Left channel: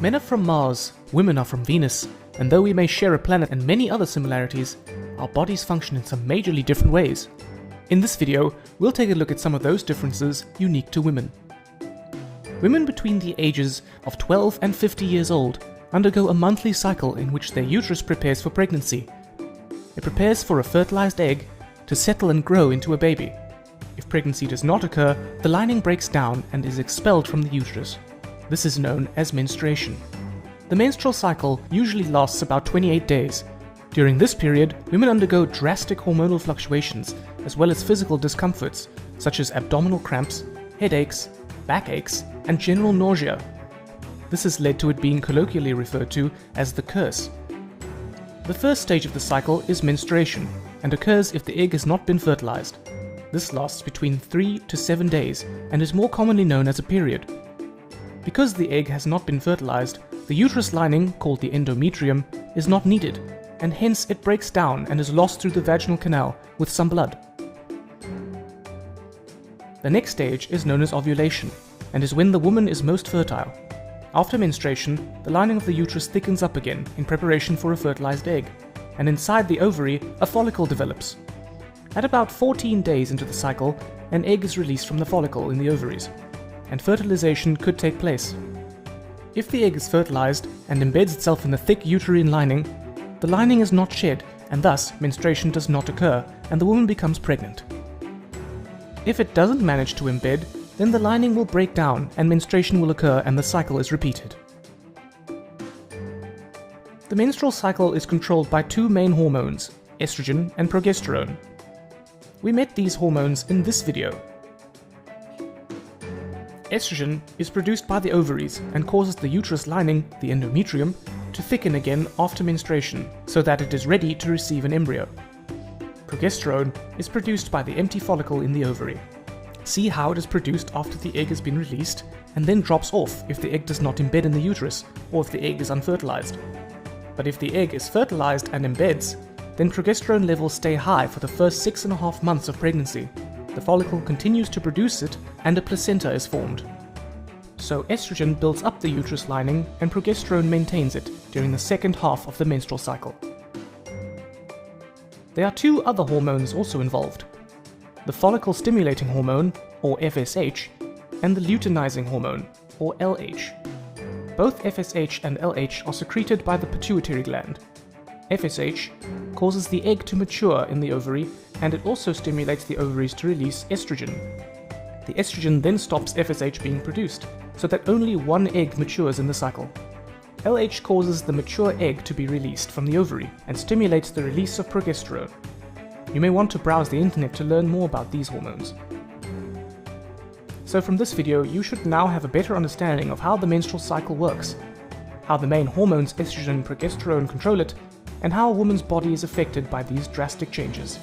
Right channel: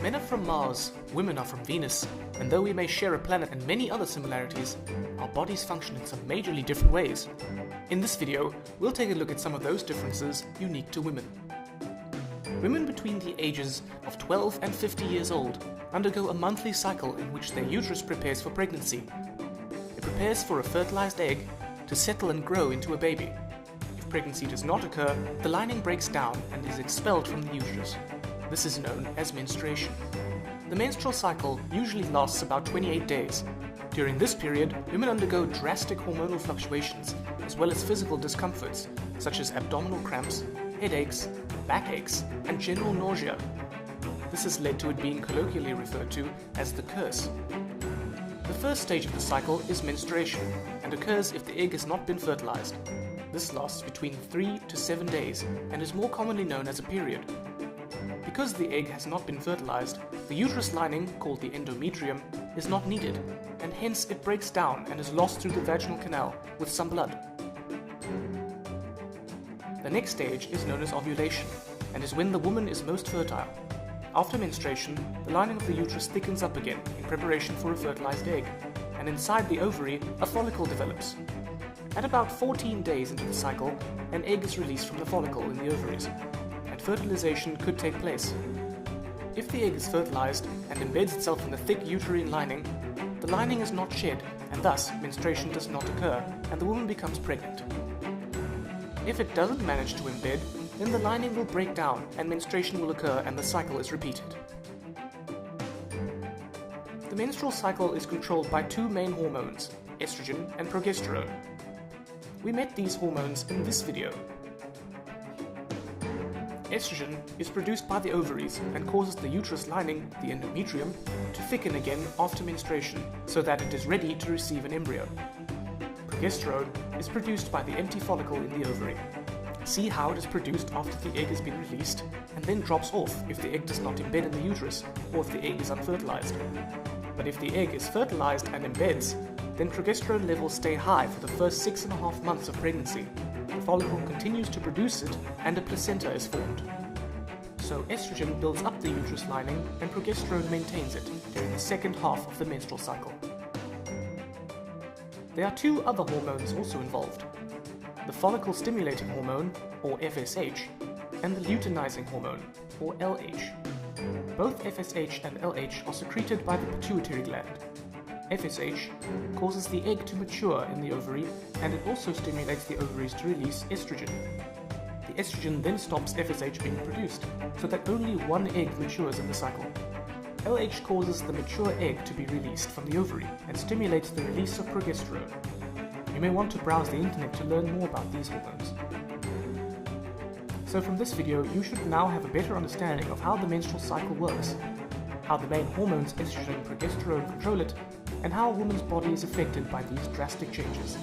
Men are from Mars, women are from Venus, and though we may share a planet and many other similarities, our bodies function in some majorly different ways. In this video, we'll take a look at some of those differences unique to women. Women between the ages of 12 and 50 years old undergo a monthly cycle in which their uterus prepares for pregnancy. It prepares for a fertilized egg to settle and grow into a baby. If pregnancy does not occur, the lining breaks down and is expelled from the uterus. This is known as menstruation. The menstrual cycle usually lasts about 28 days. During this period, women undergo drastic hormonal fluctuations as well as physical discomforts such as abdominal cramps, headaches, backaches, and general nausea. This has led to it being colloquially referred to as the curse. The first stage of the cycle is menstruation and occurs if the egg has not been fertilized. This lasts between 3 to 7 days and is more commonly known as a period. Because the egg has not been fertilized, the uterus lining, called the endometrium, is not needed, and hence it breaks down and is lost through the vaginal canal with some blood. The next stage is known as ovulation, and is when the woman is most fertile. After menstruation, the lining of the uterus thickens up again in preparation for a fertilized egg, and inside the ovary, a follicle develops. At about 14 days into the cycle, an egg is released from the follicle in the ovaries, and fertilization could take place. If the egg is fertilized and embeds itself in the thick uterine lining, the lining is not shed, and thus menstruation does not occur, and the woman becomes pregnant. If it doesn't manage to embed, then the lining will break down and menstruation will occur and the cycle is repeated. The menstrual cycle is controlled by two main hormones, estrogen and progesterone. We met these hormones in this video. Estrogen is produced by the ovaries and causes the uterus lining, the endometrium, to thicken again after menstruation so that it is ready to receive an embryo. Progesterone is produced by the empty follicle in the ovary. See how it is produced after the egg has been released and then drops off if the egg does not embed in the uterus or if the egg is unfertilized. But if the egg is fertilized and embeds, then progesterone levels stay high for the first 6.5 months of pregnancy. The follicle continues to produce it and a placenta is formed. So estrogen builds up the uterus lining and progesterone maintains it during the second half of the menstrual cycle. There are two other hormones also involved: the follicle stimulating hormone, or FSH, and the luteinizing hormone, or LH. Both FSH and LH are secreted by the pituitary gland. FSH causes the egg to mature in the ovary, and it also stimulates the ovaries to release estrogen. The estrogen then stops FSH being produced, so that only one egg matures in the cycle. LH causes the mature egg to be released from the ovary and stimulates the release of progesterone. You may want to browse the internet to learn more about these hormones. So from this video, you should now have a better understanding of how the menstrual cycle works, how the main hormones estrogen and progesterone control it, and how a woman's body is affected by these drastic changes.